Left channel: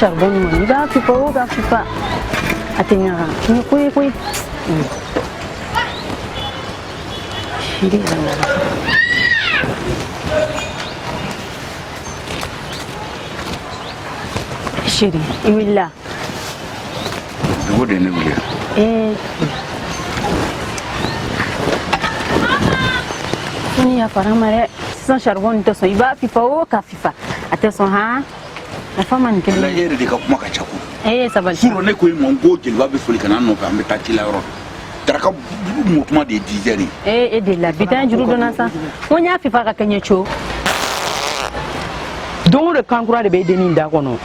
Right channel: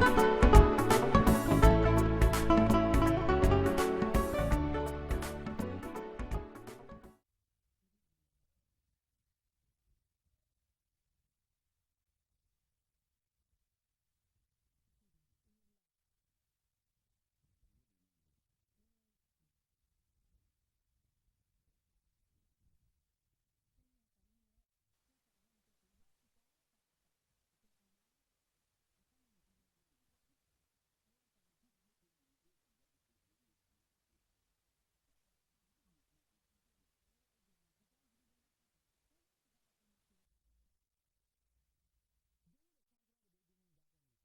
charbon ni ba fi pa atenya ni koi shiri zanga shiri iwilla dugo de ne wuli ni ya paramare sans charbon to so iba fi pa ka fifa ateson ha la femme ni kele la yere de ka kuma ka chaku sabal suro ne ko mo ngo jilba be fuli kana no ka mbeta tila ro taraka mutuma de dizeri de la bitan juru dona sa wonya fifa ka kenye cho don de kankura de be denin da kono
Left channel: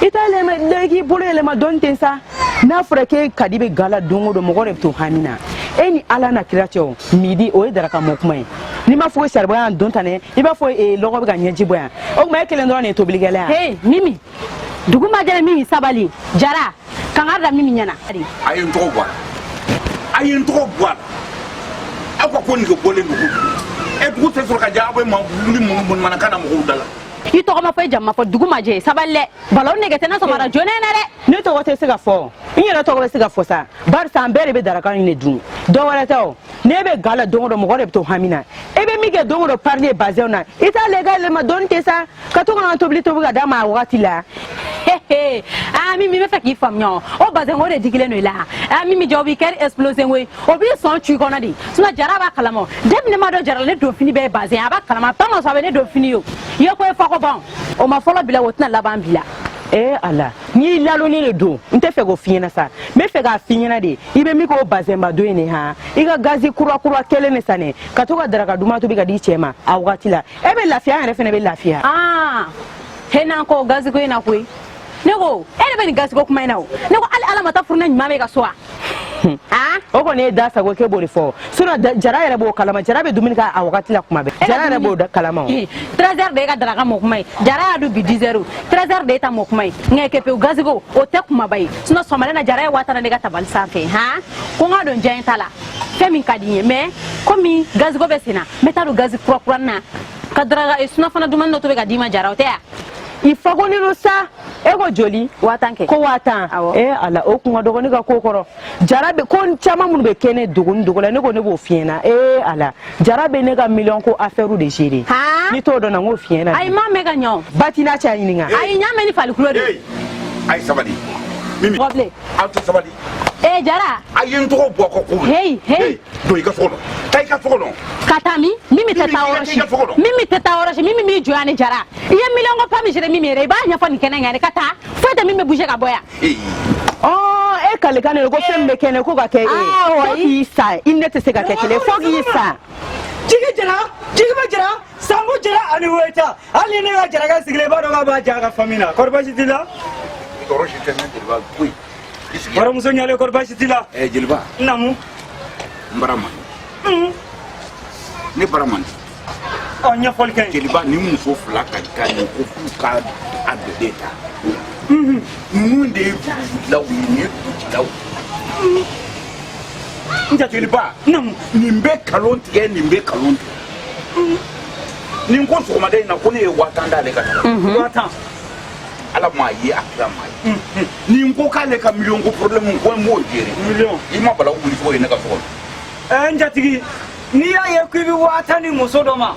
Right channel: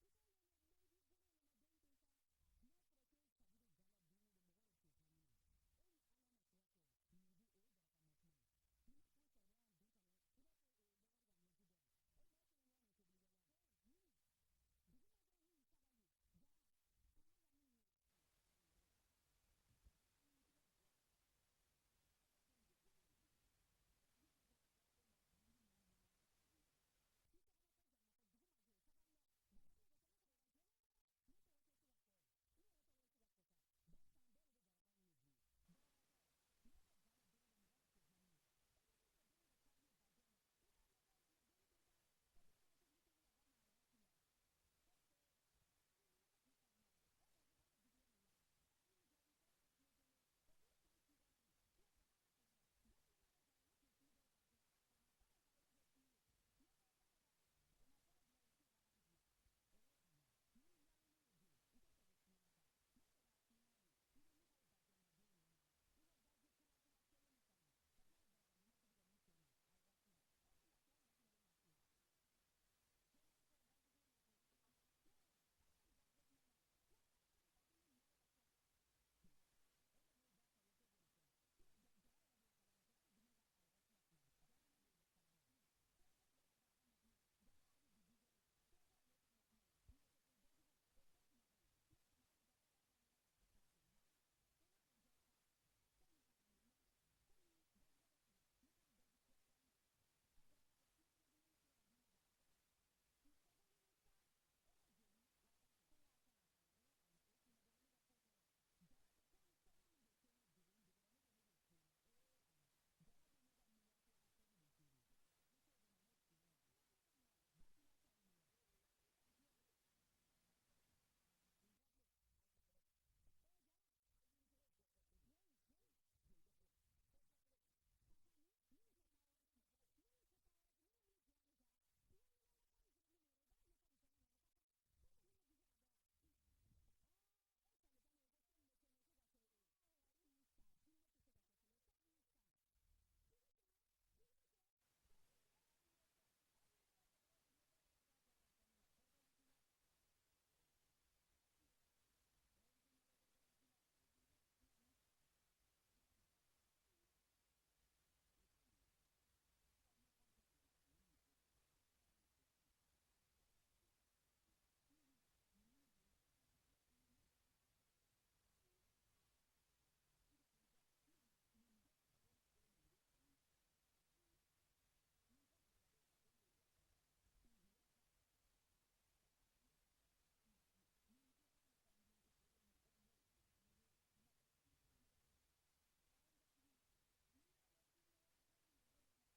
itale ma legi bolele ma don tensa na freke kadibe gala dongo do mogore to hamina eni ala na kiratio midi o edara ka mokuma ni ma fo serba don tane iba fo logo be ganye jiboya o ma ekele ndo ne to biligala mimi duguma jere mimi sabali jara kangarda mimi nyana ayin to bwa akwa ko ni ko bole ndugu e dugu te sur ka jaabo ma ni mun manakana mo dala i to ma fay jamma fo duguma je saballe balon ne gete na so mara jone na de ne to wote siga fo inyera to go siga fo sa bar sa ambere be daraka ni dun do wala taw ne be gala dongo do mo gore to hamina e be mi ge dongo do parler basé na ita legal ma don te sa ka to na to bli to ga da ma wati la mimi me faki famnyo o basé ngore digile no la mimi jobi ker explosion we o bi son tu kona di suna jaraba kalamo dem ne ma do jarale ne do fini be basé aba kalama pa no sabe ne do fini yo ko fa ko bon o ma folo bila wotna la ban bila ala ni lalo ni le do nte fe go fiena sa me fe ga fiena de ibe mi ko bazemba do ene ha iga gazi kura kele ne sane ka to ga daraga duma to bi ga di chema a wati la ebe lafia ene fe ne be lafia hena ko gazi ko ina ko nego ene be ni gazi ko kuma ina o nego ala mata furna nyima me ga soa o ko ne da sa go ke bori fo sura jara yere bo kalama jara be duminika a wakati la kuma be jara yere bo kalama 13h de ga daraga mo kuma jara adu bi 10h 13h de ta mo kuma ngeke pe gazigo o te kuma bai suna somale na jara wata na ga tabal safe ko nga don jayin tala femi kadinye me komi gazigo be sina meta do gazi kura na ka daraga suna fana duman no to be ga dima jara o te il faut qu'on ait ça ego joli watanke ko watan ala o kunga dogo ni ga kokoro jarabe kon chama mun be kene dogo la ne go ne bo fiena ala jarabe ne ga million ko affaire de gérer ni to do na ngo fiena ay ma me ga nyon batina cha yininga ay nyame ni fali kulo de ay sabali mimi goble auto sabali jara ayin to bo ko ko hey do iga solo tay ka solo katami mimi teta oroshi mimi mi joane jara iya million ko pami jere mimi re ba nya fo ni kenanga ne kata fo te mimi bouger ka boya kale kane ko fembe kene ko ga ke fo isa inete se ga ke kele fo isa jigi ba jara sango jara ani weta ali ne ga jara ga sigle ba do ga ba jaga famina korba sitila oroshi tene dilba kui bara muso nyale korba sitila jilba namu mbarama ne baraman nya folken jilba ni muso fula ka ni ko fu ka adeta de la wini law nja jilba nimbe kalonti nimbe kalonti ninko so ma dai na ko ne watanda le ka watan ala ma yi akira ma yi ninko ka le ka million ko problem ko mo jere million ima bala wuli fo ne ka so nja tigi ni ya ye ku bi watani musodoma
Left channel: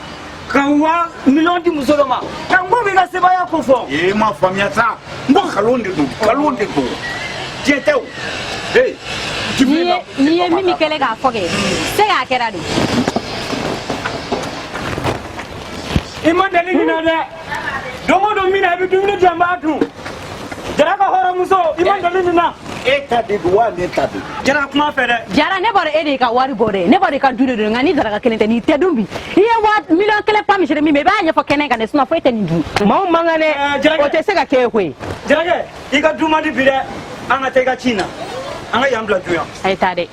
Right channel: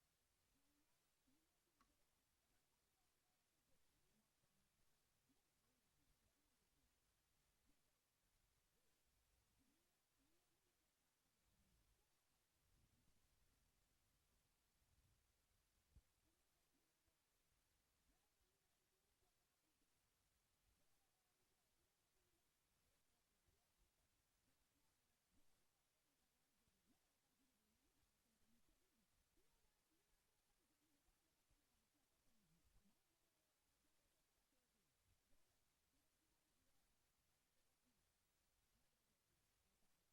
kan wa million di musodoma kan go bi ga seba ya ko fo ma famia sa mbo kalonde do jetew ni ye mimi kele ga foge se ga kera do imandali ni na de domo do mina bi dumni jambatu jara ka horo muso imandali ni na eta de duwa ne tabe jara kuma fere jara ne bore ede ka wari bore ne bore ka dude do ngani dara ka kelente ni tedumbi iye wa million kele pam jere mi me ba nya fo kenen ka ne suna fo ete ni du ma mangane o te se ga ke hwe jara ke iga duma di bide anga te ga china anga yambla duya ay tade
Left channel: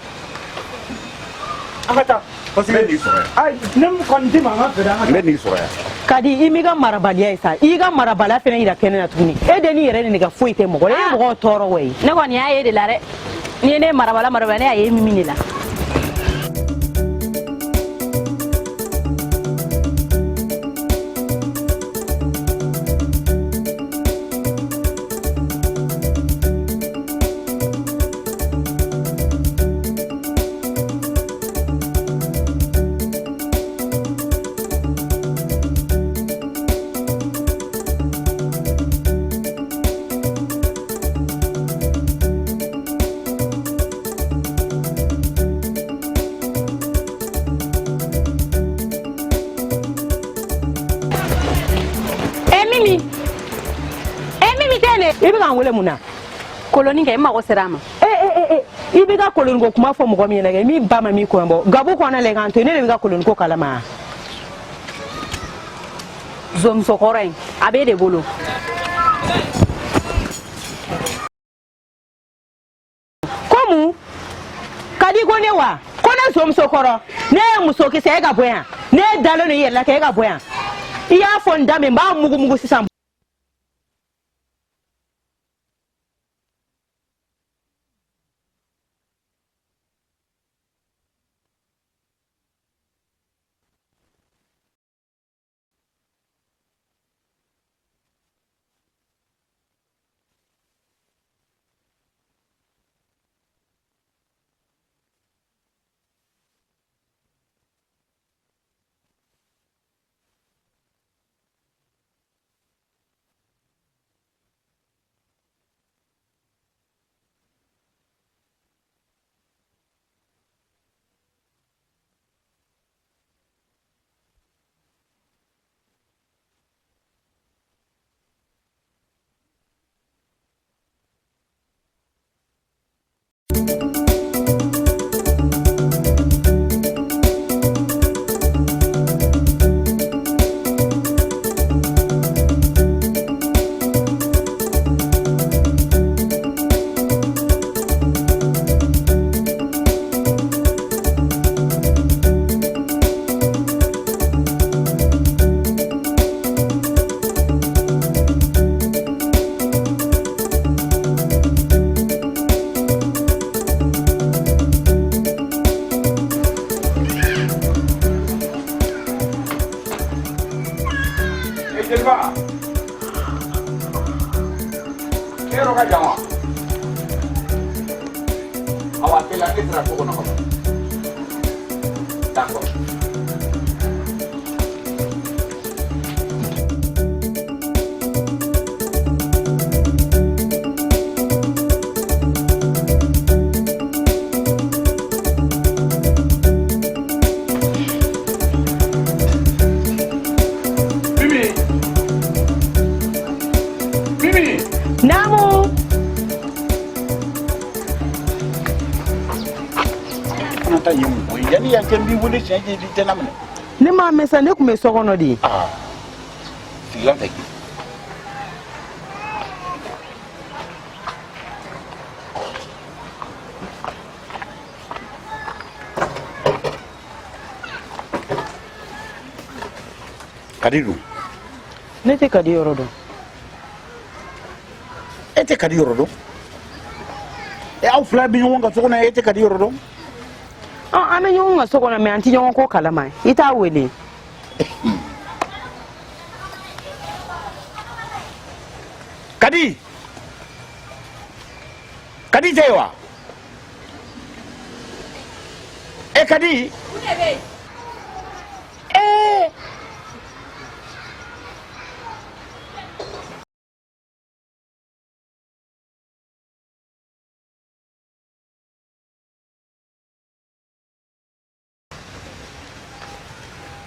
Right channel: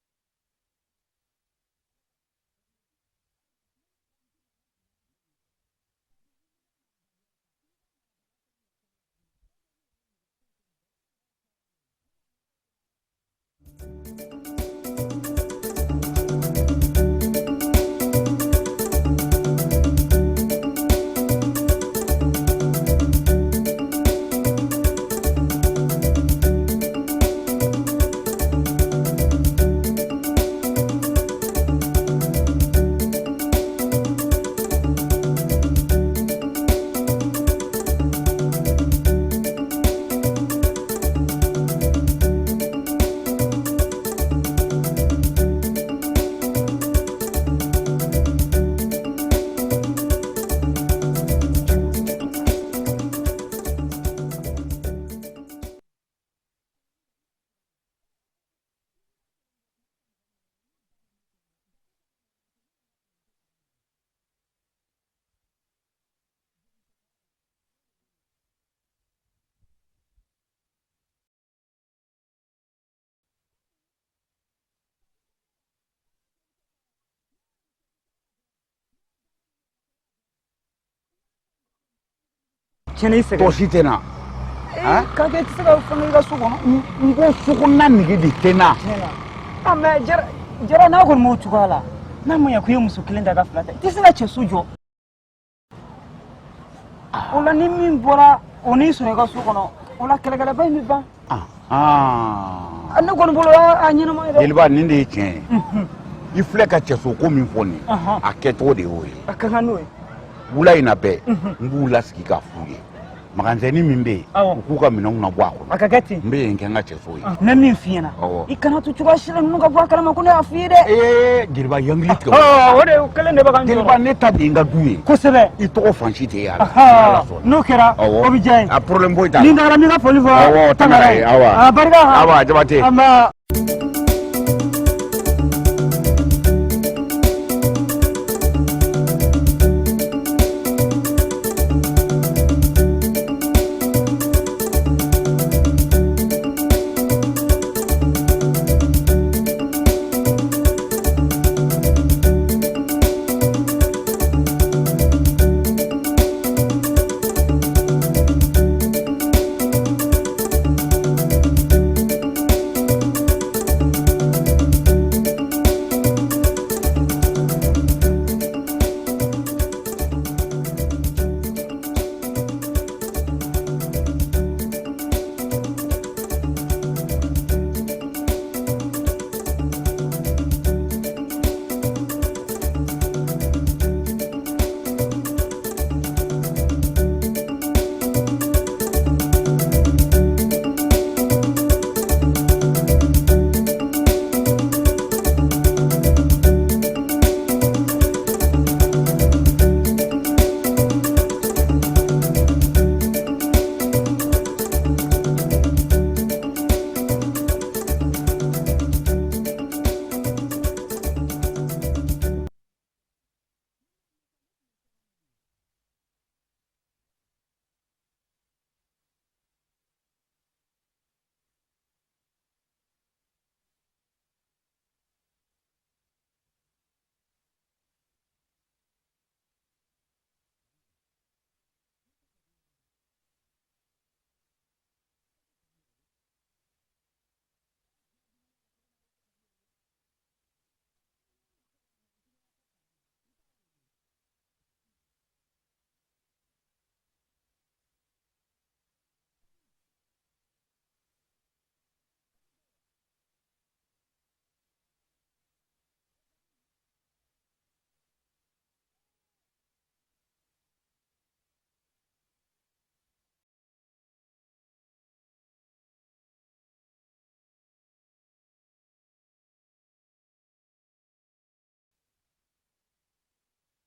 anga ta ni sore ay nem kon di mama fere anga ni sore kadi imiga marabaliya isa iga marabala fene ira kenena tuguni edeni yere ni ga foite mo gore mo toro we ne ko ni aye de lare ni ne marabala ne aye mimi ni la koloni ke ma ko serama I be ka koloni ko kuma fo mo mi na mi ba ma mi ko mbo gabo ko na le kan to ne be ka koloni ko kalama zom sokoren abe de bolo komu kadi ko ne wa ko na zom sokoro ne muso ki se ga boya ne dalo ne yella ke ga boya iya fo ndame ba mugu sisam chene ise to sitena ka ke tsaka fanga ga so kono ngo sukuna nigi di tena amma jara na gon mo tukala na mo ya kuyo muso kilenda ga flata tisina che sujo ola ni min bora oni so ga so kono ola kala kala bay mi ba anna gon bolo anyina ma ida Jeliba ninde chen ifle ka cheso ko min foni aketo de oyi akanga noy wula ina be ngula sikika fuye maganzeni mimbe ukuka minong na bwako akagati mbe nkenga cheso yi na min fiena ikana tu chuga shira nunga bwa kala makune afide Jeliba yanglit ko ode kala ne bagan Jeliba neta dinga duye kusebe ito fanchite ya no kera obijay a problem boy ta ni ndara mi ga folivo tangare awa barga awa jabate ama ne ma mesa ne kume sokono di silante kadiru ne te kadi yorodo ete kadi yorodo aw fla bi wonga sokona ete kadi yorodo ana nyonga sokono me anti nyonga ko kalama ita wele kadi tewa kadi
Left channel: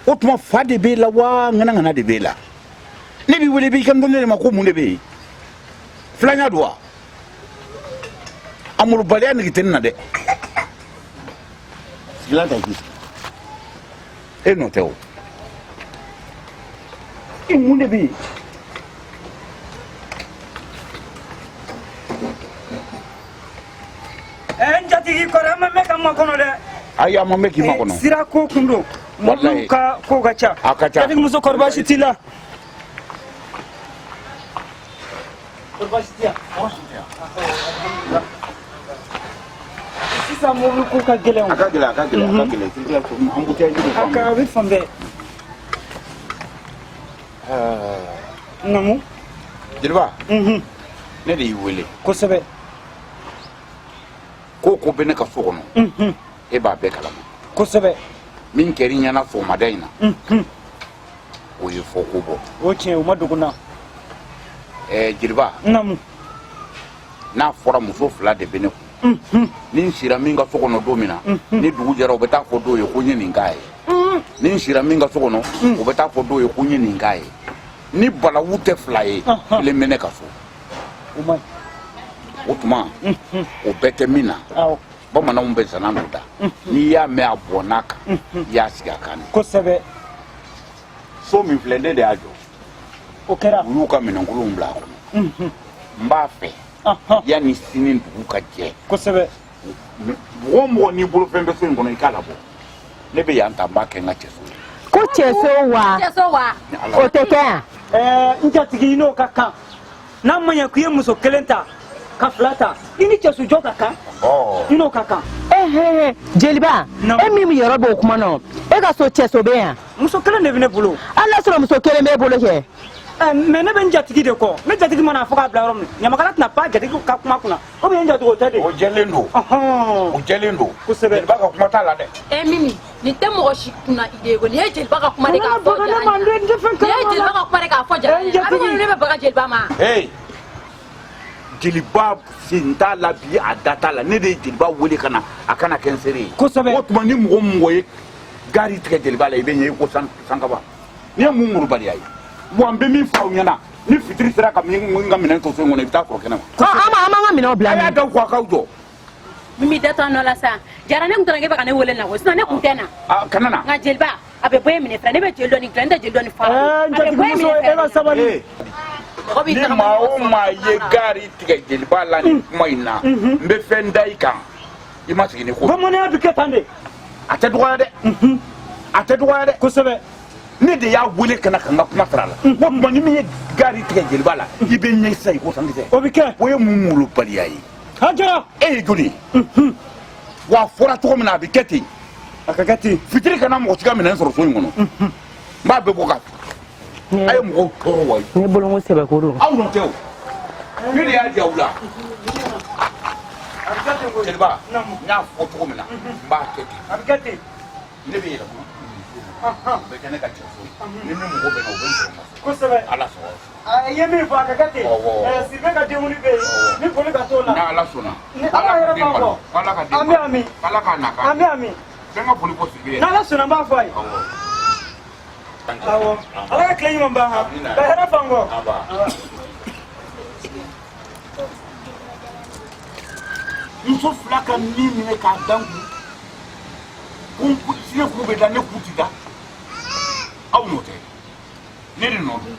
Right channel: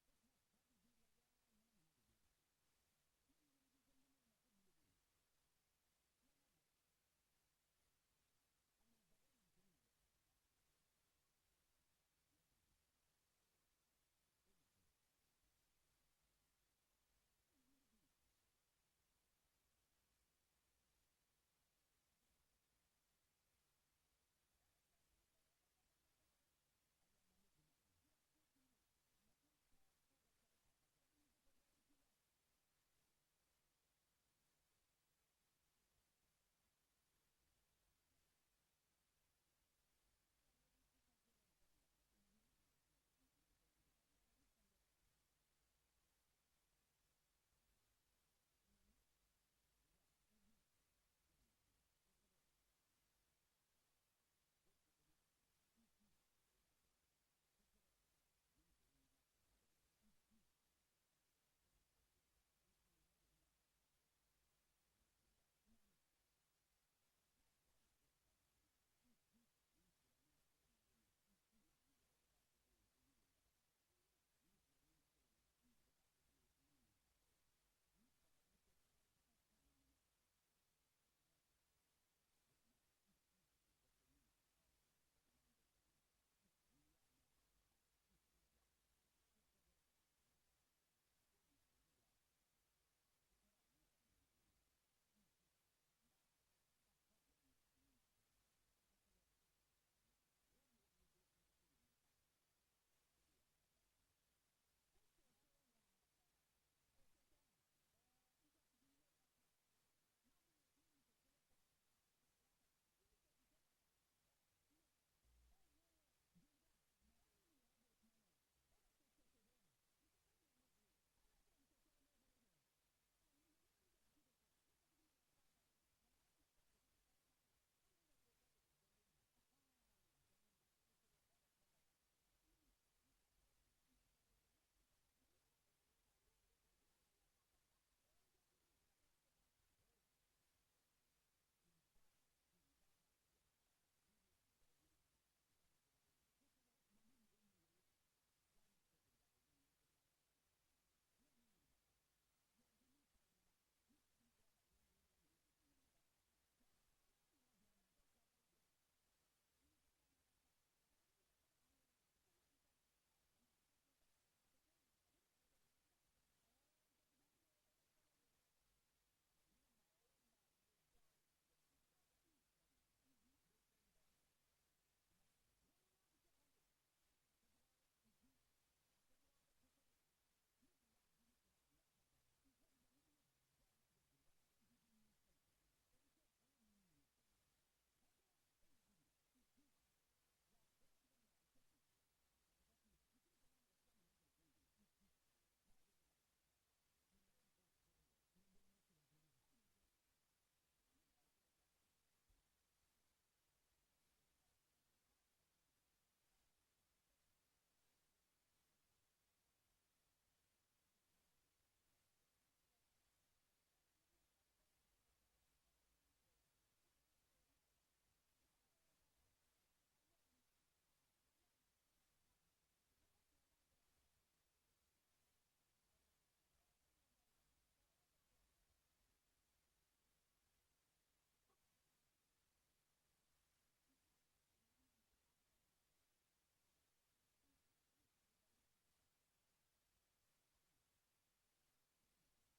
otuma fa de be la wa ngana de be la ne bi wele bi kam donne ma ko mun de be flanya doa amul baliya ni tenna de silanta ki no teo mun de be njati ko rama me kam kono de aya ma me ki ma kono sira ko kundo wallahi ka ko gacha kadi muso korba shitila korba shitia sisa mo ko ka gele on aka gele sila ko ambutia ni ko aka wi fambe namu Jeliba ne de wele ko sebe ko bene ka so kono e ba be kala ko sebe min keri nyana so madaina o ye fo ko bo o che o maduguna Jeliba namu na fora muso fila de bene ko nin sira min ka so kono domina ni dugu jara o beta fo do ye ko nyeni ngai nin sira min ka so kono o beta fo do ye ko nyeni ngai ni bala wute fila ye le mene ka so o mai o tuma o bɛɛ tɛ min na bamananw bɛ zana dɔ da n'i y'a mɛn a bɔnna kan i y'a sigi a kan kosɛbɛ so min filɛ ne de y'a jɔ o kɛra u y'u ka minɛnkolonw bila a kɔnɔ n b'a fɛ yanni sini dugu ka jɛ kosɛbɛ mɔgɔ o mɔgɔ n'i bolo fɛn bɛ so in kɔnɔ i k'a labɔ ne bɛ yan ta n b'a kɛ n ka cɛso ye ko cɛso wa o tɛ kɛ yan n jatigi n'o ka kan n'a ma ɲɛ k'i ye muso kelen ta ka fila ta i ni cɛsojɔ ka kan i n'o ka kan jeliba e min yɔrɔ b'o kuma na e ka so cɛso bɛ yan muso kelen de bɛ ne bolo hali n'a sɔrɔ muso kelen b'e bolo kɛ mais ne bɛ n jatigi de kɔ ne jatigi mana fɔ k'a bila yɔrɔ min ɲamakala tɛna pan jatigi ka kuma kunna o bɛ n jatigi o tɛ de o jɛlen don o jɛlen don kosɛbɛ jeliba ka kuma t'a la dɛ Mimi nin tɛ mɔgɔ si kunna idée ko nin ye jeliba ka kuma de k'a fɔ jara ɲɛna nin ye jeliba ka kuma de k'a fɔ jara ɲɛna a bɛ ɲini ne bɛ baga jeliba ma jeliba sen t'a la bi a da t'a la ne de ye jeliba wele ka na a kana kɛ n seere ye kosɛbɛ o tuma ni mɔgɔ mɔgɔ ye gari tigɛ jeliba la i bɛ ɲɛ i ko sankaba ni ye mun murubaliya ye wa n bɛ min fɔ aw ɲɛna ni fitiri sera ka min ka minɛn to so in kɔnɔ i bɛ taa sɔrɔ kɛnɛ ma an b'an ka minɛnw bila a y'a da ko a k'aw jɔ Mimi da tɔ nɔ la sa jara ne tun tɛna k'e bɛ ka ne wele na ko sinon ne tun tɛ na kana na nka jeliba a bɛ bɔ e minɛ filɛ ne bɛ jeli dɔ nin dilan n tɛ jeli dɔ nin fara a bɛ bɔ e minɛ e ka sabali ni maa o maa ye gari tigɛ jeliba la nin kuma in na n bɛ fɛn da i kan i ma sigi ni ko bamananya bɛ kɛ tan de a tɛ dɔgɔya dɛ a tɛ dɔgɔya dɛ kosɛbɛ ne de y'a wele ka na ka n ka kuma sara la o tuma ni min ye gari tigɛ jeliba la i bɛ ɲɛ sisan i ko sankisɛ o bɛ kɛ o ye mun molobaliya ye hajara e ye joli wa a fɔra cogo min na a bɛ kɛ ten a ka kɛ ten fitiri kana mɔgɔ si ka minɛn sɔrɔ so in kɔnɔ n b'a bɛɛ bɔ ka a ye mɔgɔw tɔɔrɔ wa ne bolo ko sɛbɛko don aw nɔ tɛ o ne de y'a di aw la jeliba n y'a fɔ cogo min na n b'a kɛ ten a bɛ kɛ ten ne bɛ yɛlɛma o bɛ kɛ ne ka cɛso ye ni min mago bɛ na o bɛ n sɔrɔ kosɛbɛ ala sɔrɔ a ye min fɔ a ka kɛ ten siribe ka denwuli bɛ yen ni foli ka t'o la ni ala sɔnna ni ala yɛrɛ b'a fɔ ala ka den an bɛ ami ala k'a na an bɛ ami fɛn ka foli ko siribe ye n'ala sɔnna n b'a fɔ a ye awɔ ala ka tile ɲuman ban ka hɛrɛ fan kɔ muso fila ka min minɛ k'a dan kun sine kun bɛ da ne kun ti da aw n'o tɛ ne de nɔ don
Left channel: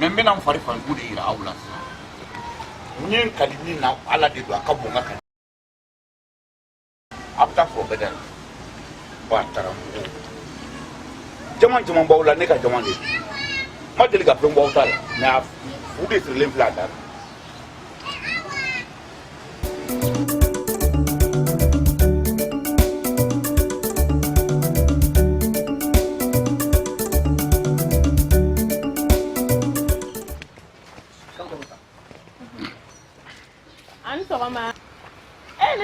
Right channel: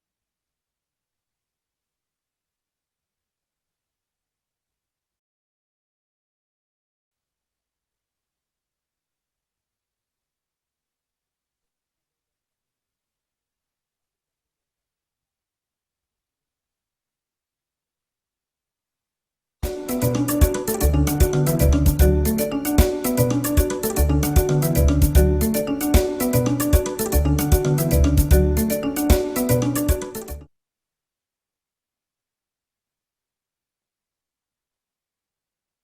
mɛ n bɛna n fari fanjugu de yira aw la sisan n ye n kali min na ala de don a ka bon n ka kali a bɛ taa sɔrɔ bɛɛ da la ba taara jama jama b'aw la ne ka jama de don ma deli ka fɛn bɔ aw ta la mɛ a fu de sirilen filɛ a da la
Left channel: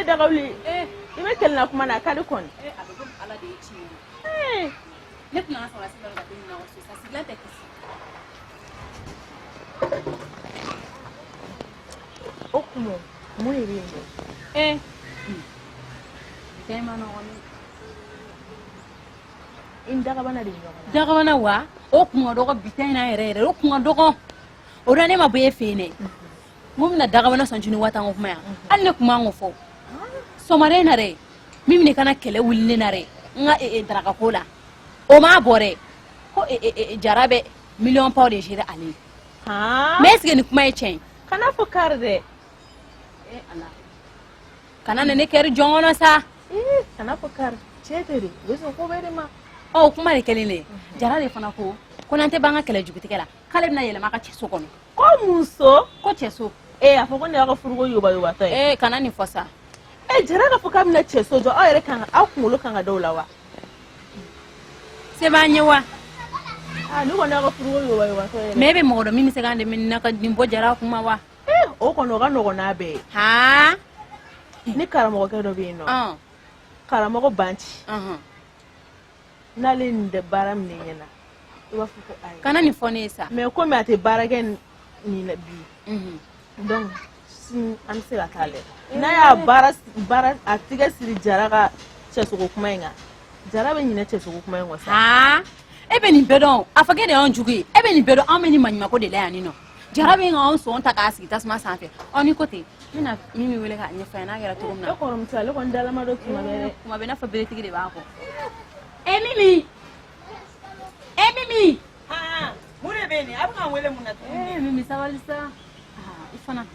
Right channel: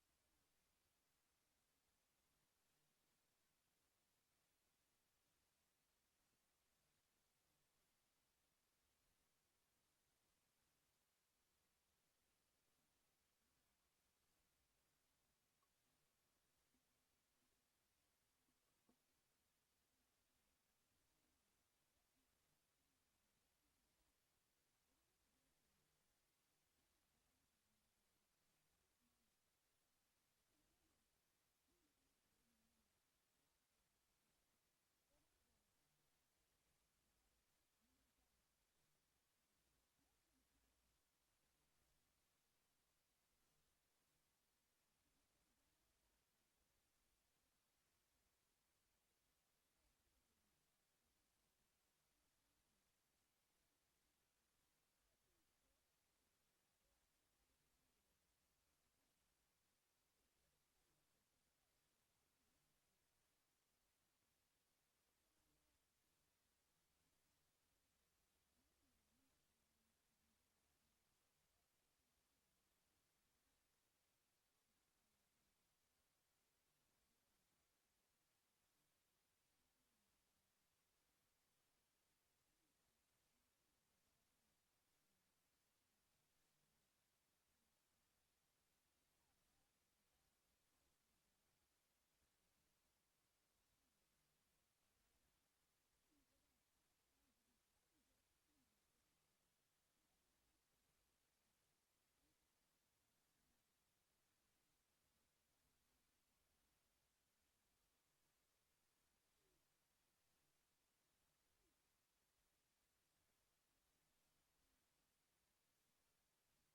ne daga wuli i bɛ kɛlɛ na kuma na a ka di kɔni a bɛ komi ala de ye tiɲɛ ye ne tɛna an sɔrɔ a sɛbɛn ka den na o so sa sigilen tɛ kisi o kuma mun de bɛ yen fɛn ma nɔgɔn i ni dagabana de ɲɔgɔn na dagabana wa o kun ka dɔgɔ bi ta in na yɛrɛ yɛrɛ o kun ka dɔgɔ o la ne ma bɔ e fɛ yen dɛ mun bɛna dagabana sɔn tuni waati ko kuma yan hali ne kun b'an ko fɔ sɔmaren na dɛ min bɛ kana kɛlɛ wulilen na dɛ n ka darakako la o m'a bɔ dɛ ko jara bɛ miliyɔn paw de géré ale ye mais est ce que nin kuma ye tiɲɛ ye kana fɔ kari dɛ ala kana ne kɛri jɔn kɔnɔ sa kana fɔ kari cɛ tɛ de o bɛ sɔn ko bɛɛ de ma ɔ kuma de kɛlen de jara de fana ko n'an tɛ ban ka kɛlɛ jugutigɛ la k'ale bɛna yɛlɛma a ka cɛso kɔnɔ ko mun so ko cɛso a fɔ ko ne y'aw ka furuko yobayubatɔ ye kana nin fɔ sa jara k'a fɔ k'a bɛna cɛso jɔ aw yɛrɛ kan aw kunkolo kan ka da o la wa se b'an ye wa ne kɔni y'aw ka furuko yobayubatɔ ye mais e bɛ mɔgɔ dɔ min bɛ se k'an dɛmɛ nin na ka nin bɔ jara kuma wa o kɔni o ka nɔgɔn n'a bɛɛ ye ni karamɔgɔkɛ dɔ bɛ yen nɔ karamɔgɔ Banci n'ale nin tɛ baara minɛ ɲɛna i b'a fɔ ko ayi kana nin fɔ ne ye sa mais komi a tɛ baara kɛ nin na bi donc sini an bɛ se ka taa lajɛ n'a y'a baara a tigɛ siri jara ka cɛsogo kuma in kan jara bɛ ɲinɛ cɛsogo kuma in kɔ sa e bɛ nin bɛɛ dɔn a fɔ k'e de y'anw jugu ye e bɛ nin bɛɛ dɔn anw bɛ nin maɲumanko de la yan nin nɔ jara bɛ k'anw sɔn ta k'a sigi tasuma sanfɛ ni ko ten mina mimi wele ka nyefa na gara to na ko rom sale ko ndala ma do tuma be kuma be na fa bele tigi de ba ko Mimi ha mure be ni abu kan wele mun na Mimi sawalisa ifana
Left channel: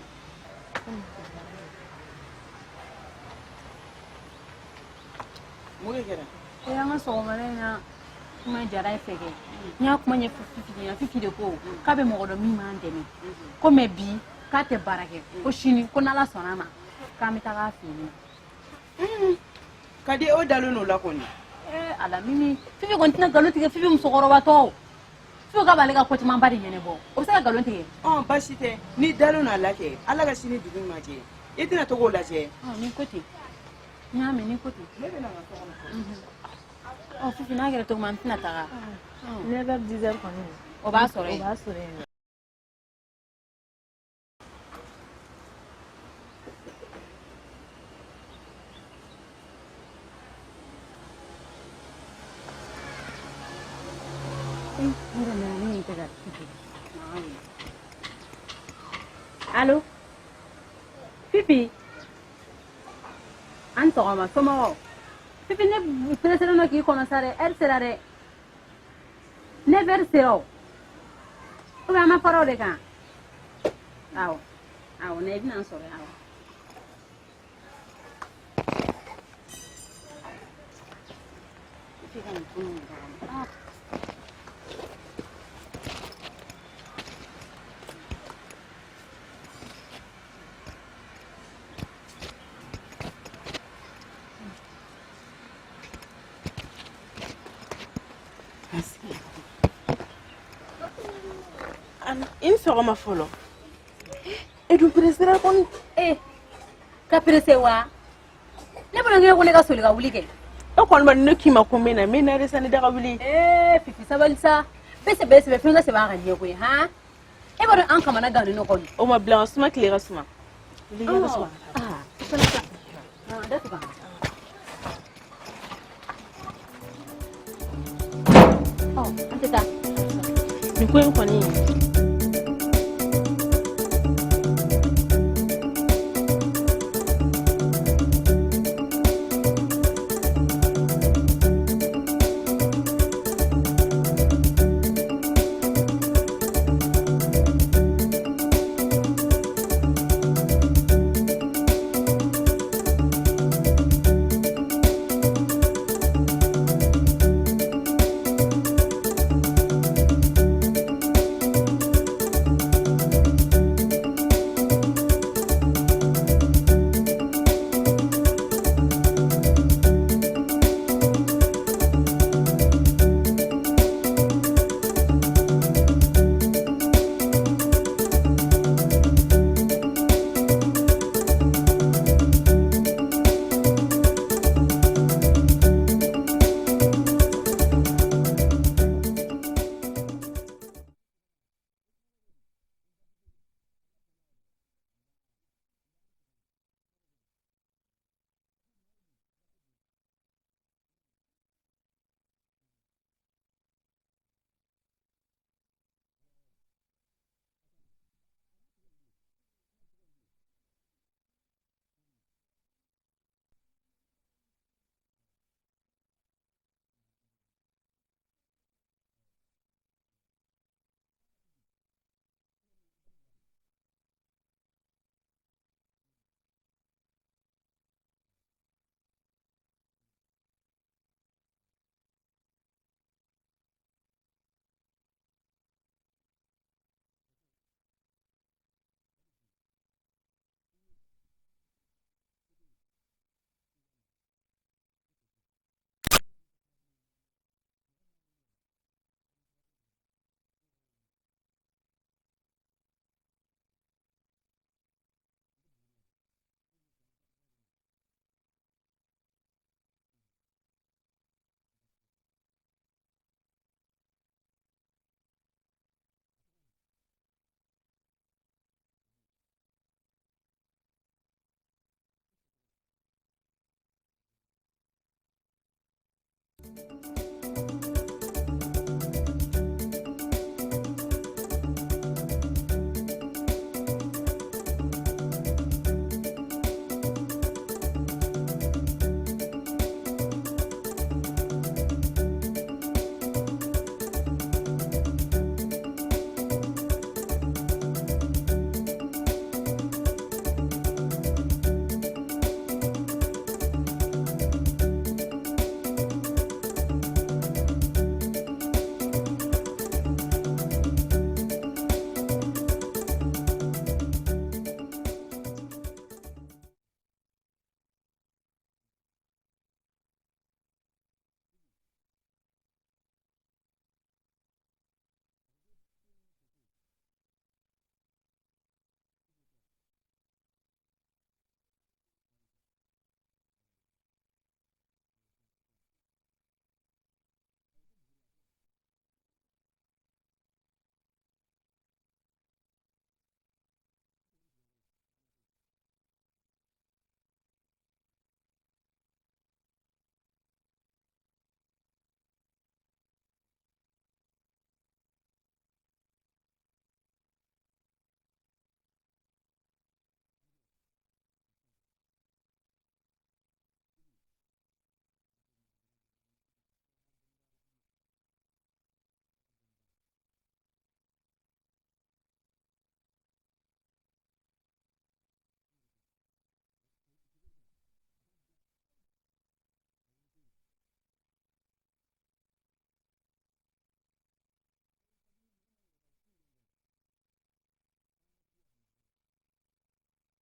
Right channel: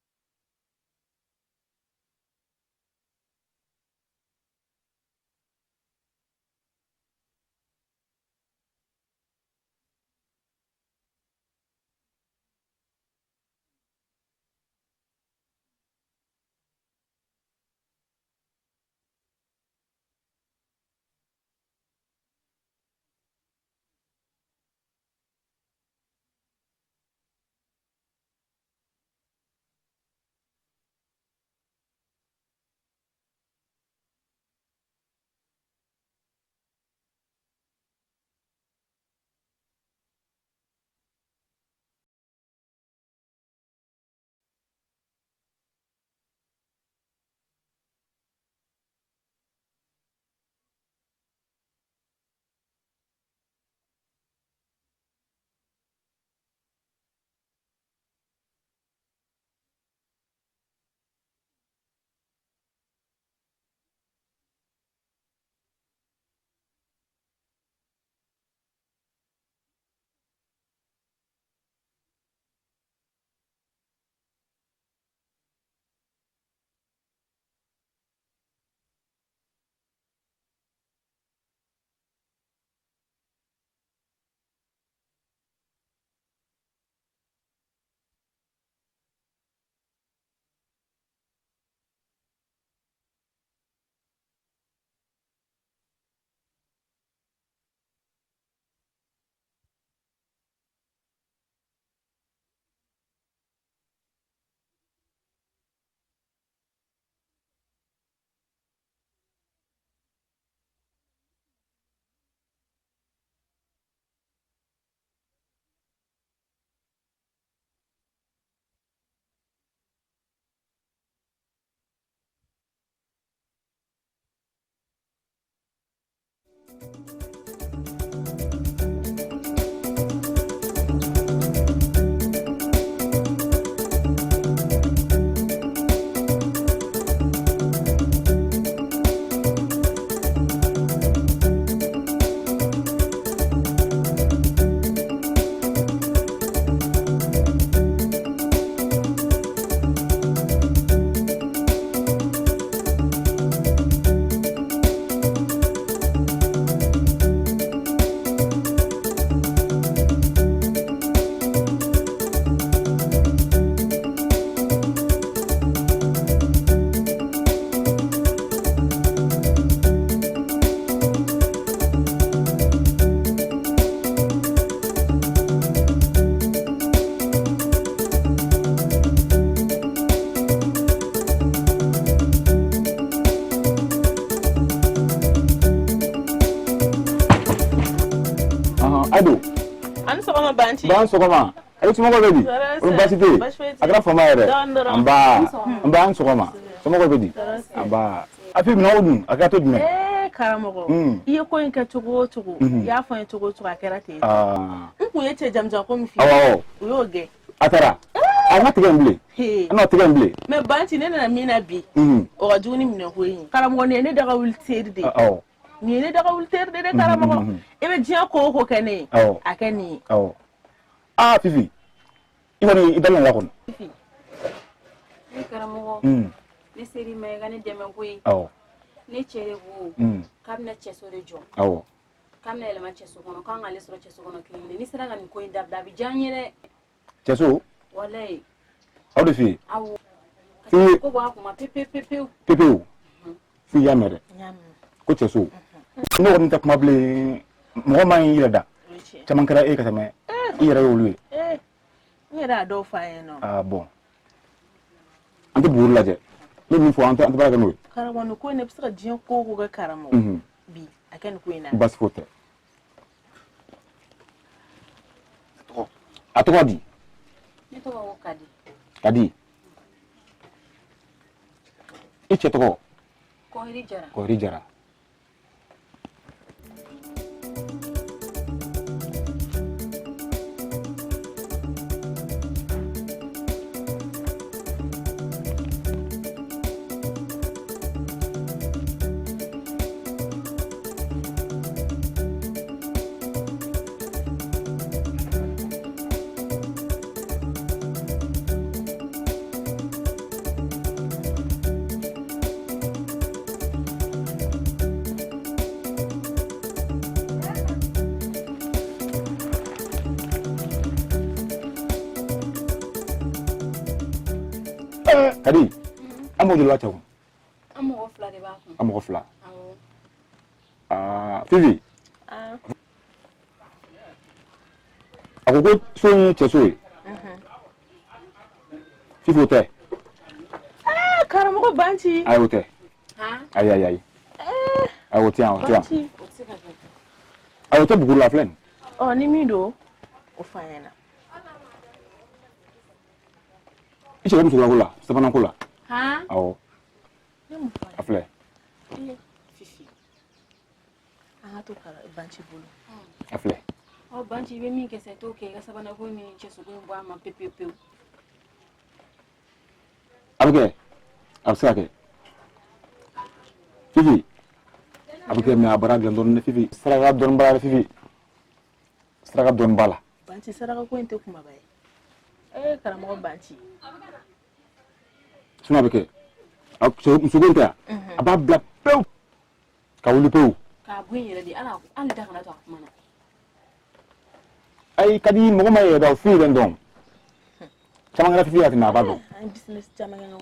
mure kera ya nga so marena kuma jara fege nya kuma nye fifi de ko ka be mo do mi ma ndemi ko me bi ka te barake ko shini ko nala sonama ka mi ta ga fini kadi o dalu no la koni ala mimi fifi ko ntina galo tige fifi musokoro ba to fifi ka bale ka ko man bari nyene bo o sa galo tige basite ni dalu na la ke ala ga shini dugu ma je itina to go la je ni koti nyame ni koti fifi na gara to man tina ta never deserve ko ni o ba sore Allô Pipi Antoma comment Pipi ne précédemment qui commençait elle sera de 9h0 ou bien ma parole quand on est bien ensemble in sogoma folo edu presera kon ka presse wa ne bolo ngi ko ne ka soli ka wuli ke e kon man ne kima ko mena mena resani daga wuli fifi sabalisa bese be finga se ba ga nye ko ha e bolo an kama na gani no ko o ma blanc suma klera suma liga suma da tuka anteta ni ko en koni Ban sogoma ay sumo ko bedi université akra fama yere amba an sogoma sumo ko bedi amba afi mi nawdun akato dum karamogo iye ko en ka togo ya fa en togo akera te nku yeche jamja ko mi fi yoge atara ana tigamble ana tigamble me banti ne na mina bi o ga juni mi ne hoyi karamogo ne daga wultede de ni ne daga wultede de karamogo e be jiya ko kene akeni Fifi ibani idalan la kon fifi ni karamogo ni série mais ga ne deme koyi ni chere wo kam na cheso de jo kam na elema cheso kono kan ale soro cheso kono kini ni sera ga ni koyi dabda bi janyere cheso wallahi de fi fi ko ba ko ma pepe fi ya mere ko cheso no won ta kuma ble mo ma yira da chaman kara ka tame ira yolu yera do fa eno bon ante buru laje le mi fo ante ba ga no karamo no ko ne psika jian ko ga karamo bi akan ko ina bas fote atoko di ni to ko kadi iche to ko ri jara Kadi amo julu wacha ko amo fla de ba ko amo fla Fifi ako ko so ni cheso Fifi hote Karamoko banchi ay hote ay ay tiens ay hote bugula la flen oh ni mido o fayena ichi ko msugula kula sapana kula awo afle Fifi to kara banchi bulu afle o banchi be min ke se to ke ga sabana ko ni cheso ko mbo ma pepe abuke absake Fifi abuke me abara glandon Fifi saraga don bala Fifi saraga don bala banchi saraga ko ente kuma bay karamoko banchi suna beke musugunta aba bla pew ka wuli pew ka bunyere di ala an da kana to mana ay kadi mo ma ye da fi den don chama ngara Fifi atina bado business chama ngana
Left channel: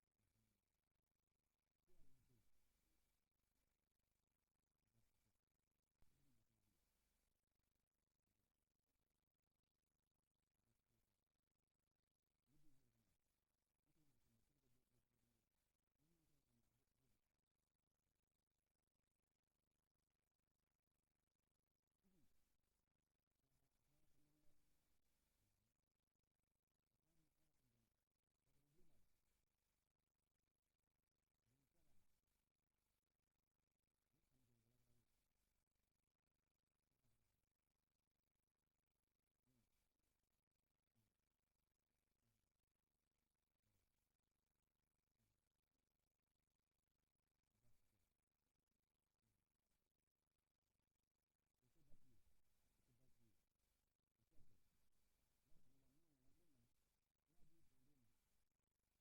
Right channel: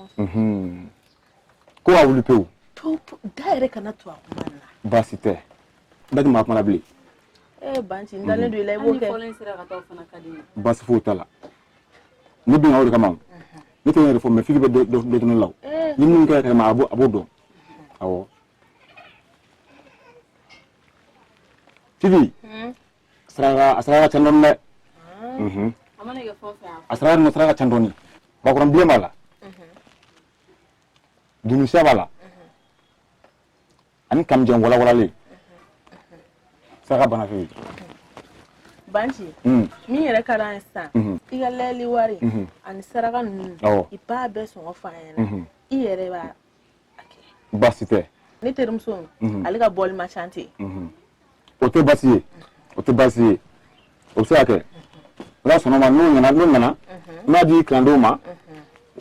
ko a wuli pew to daire kana to mana basite ndati ma kuma bli banchi ndale do ilay boke folen sira ka to fana kadi bas futala ni bi ngawri kamam ni to ngere fo me Fifi be do to law ni mun ka ma abu do awo Fifi asraga chandon ne amana ge fo fa asraga chandoni bakuram biye mala dunu shabala ani kam jeng wala le saka bana Fifi banchi mi yere karan sa iga leli wari ani saraga nu ipa be so fayena i yere ba basite ni terumso ali ka bol ma chanter ote basiye obsake la sono ma no nyana na di klando ma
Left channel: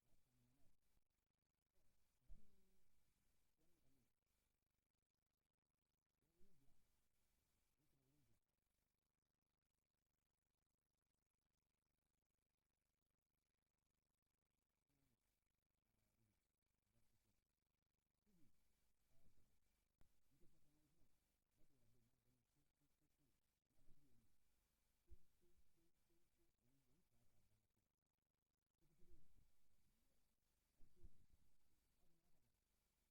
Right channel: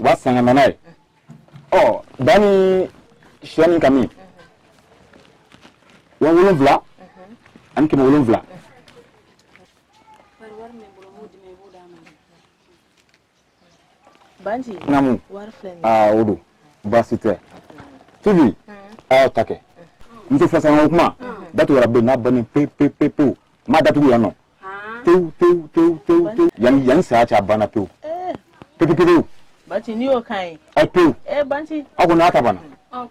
wa sanga manai dani shani kami wa wolon vla an ke wolon vla banchi namu war flen odo basite Fifi take nti fasa ngoma datu rabbe na bani pe ma datu ya no tew yan sa cha bana pe banchi ni o kai ai pe banchi ako na ta bana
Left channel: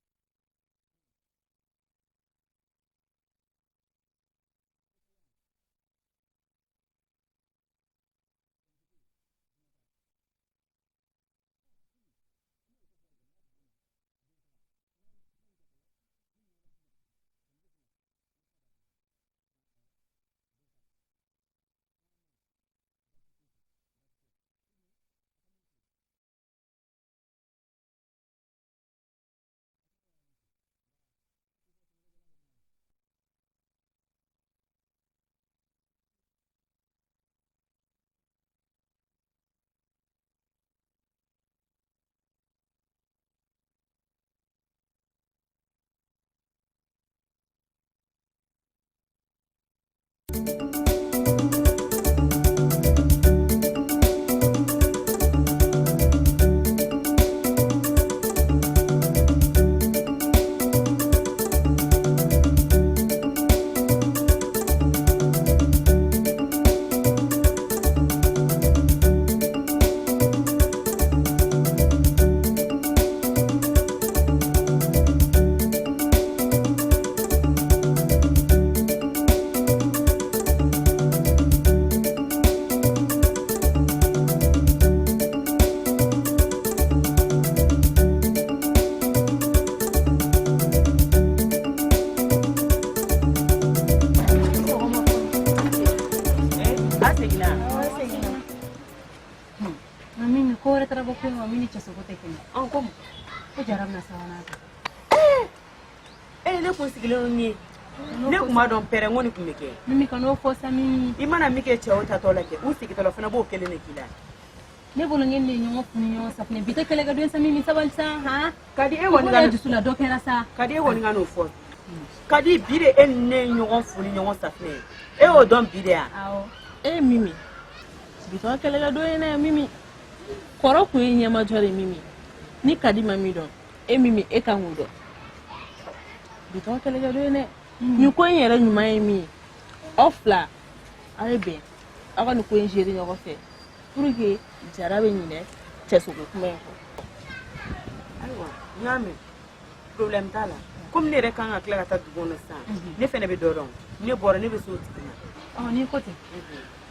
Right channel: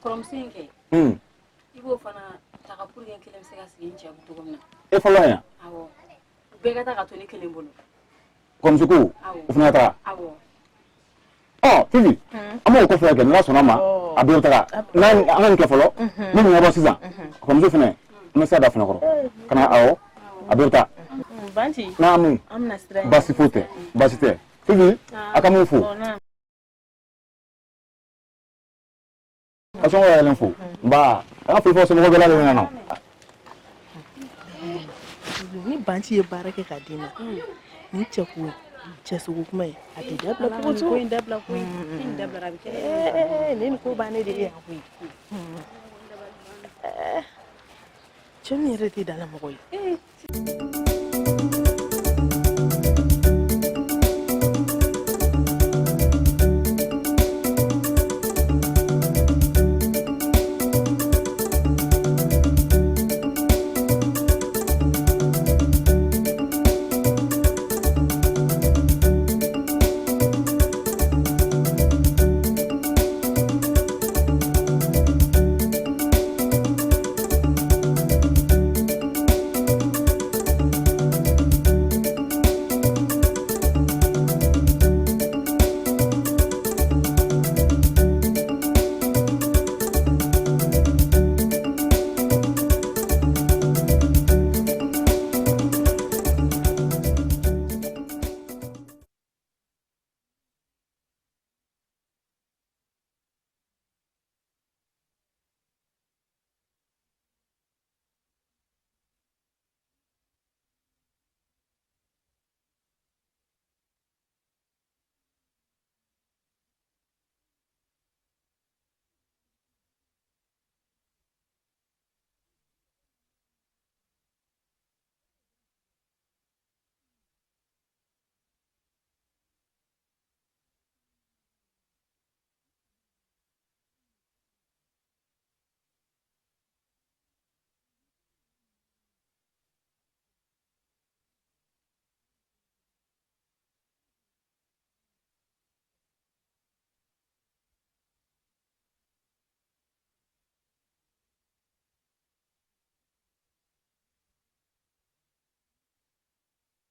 krom sinke ibo fana taka pour gen kelem se ga sigin ci abu to gomna falo ya awo be ga taka to ni kelem bolo comme suku ufna ta awo Fifi amo ko fa ga na so na ma abi ta na an ke falo ni mo ba siza comme je fene na sa da fene ko kana awo abi ta banchi namu amna stress basite Fifi akamufu aso wa lenfo ba a fi fo so mo bela le na ni banchi ye barake kadina ni cheku chesu kuma ati dabla ko to in dabla rabike ni ko bane de ya ku choni reti dala mo koy don pere ngoni kumeke mimi kano fo sami imana mike chewo tatola ke usiki tola fana bo kelene kila ne bolo ngende nyongo funi nyongo safne bita kele ga don sami mi sabalsa kadi e woni ngano dusula do kera sa kadi e woni ngano fo kadi bire enne nyongo funi nyongo safne e o don bire awo mimi bita kele ga do ene mimi koro ku nyama jore mimi ni kadi mami dɔn e mimi e kan k'o dɔn bitɔn kɛlɛkɛ dɔ ye dɛ nin ko in yɛrɛ ɲuman ye min ye aw fila aw ye bɛn aw ka nin ko in gérer ɲɔgɔn fɛ pour que jara bɛ ɲinɛ cɛsogo kuma in kɔ. ayiwa n y'a mɛn problème t'a la comme ne yɛrɛ kan ka tila ka taa dugu kɔnɔ sisan ne fɛnɛ bɛ dɔ dɔn ne bɔra ne bɛ so tigi ma. n'i ko ten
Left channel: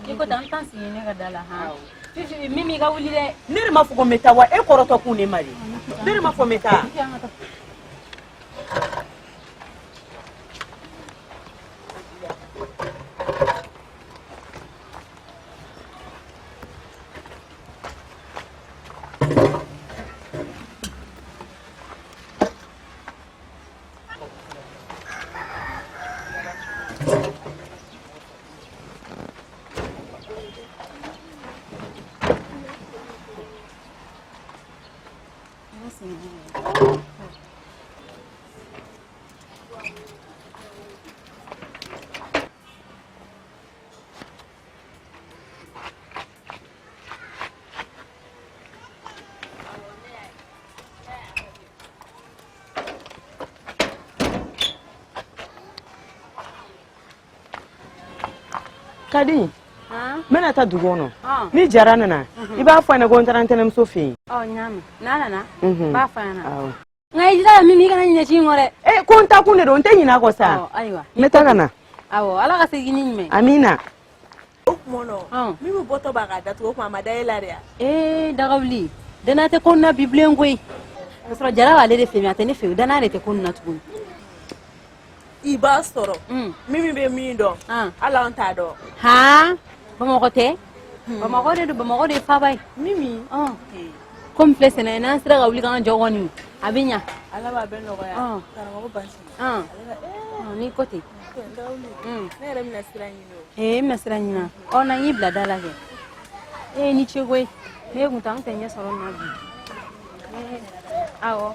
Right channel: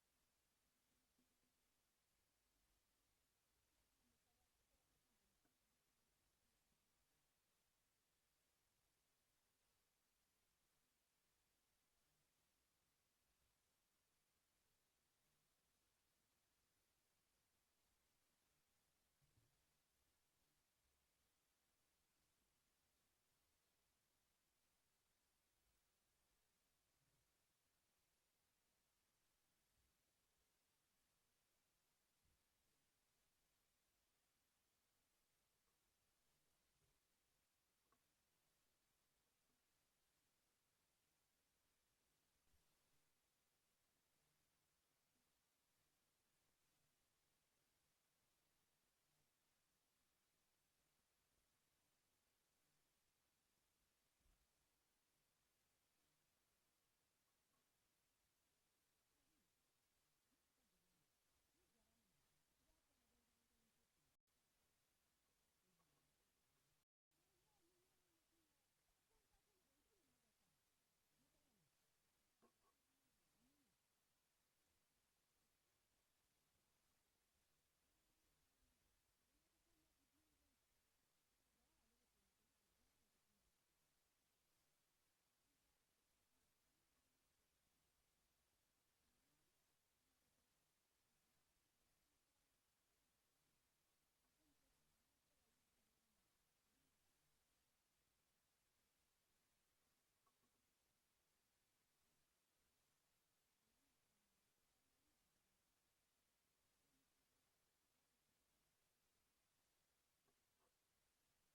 n'i ko ten an t'an sigi ne ka da la han Fifi Mimi ka wuli dɛ ne de ma fɔ ko n bɛ taa wa e kɔrɔtɔ kun ne ma de ne de ma fɔ n bɛ taa. Kadi, mena ta dugu kɔnɔ ni jara nana I b'a fɔ ne ko n taara n tɛnɛmuso fɛ yen. ɲaami n'a nana b'a fɔ ɲɛna nka I jira Mimi kana ɲinɛ ci in kɔ dɛ. Ko n ta kun de don n tɛ ɲinɛ a kɔ sa. Ayiwa n bɛ taa ka na. awɔ Ala ka segin ni ɲuman ye. Amina. o kuma na Mimi bɔtɔ b'a ka datugu o kuma a ma da e la de ya. Dagawuli danaya tɛ ko nin na bi bilen koyi k'a sɔrɔ jara b'ale de fɛ a tɛ ne fɛ danaya de tɛ ko nin na tuguni. I b'a sɔrɔ Mimi bɛ min dɔn hali an t'a dɔn. han Bamakɔ tɛ Bamakɔ de don Bamakɔ de ye faaba ye. Mimi komi filɛ sɛnɛ n'an sera ka wuli k'an jɔ kɔni a bɛ ɲa. Ala b'a bɛɛ nɔgɔya karamɔgɔ basi. n'i ko ten. ne yɛrɛ bɛna sira ɲini o. n bɛna sira ɲini na na n y'i bila da la kɛ ni ce koyi ne kun tɛ an tɛ ɲɛ sɔrɔ nin na bi. awɔ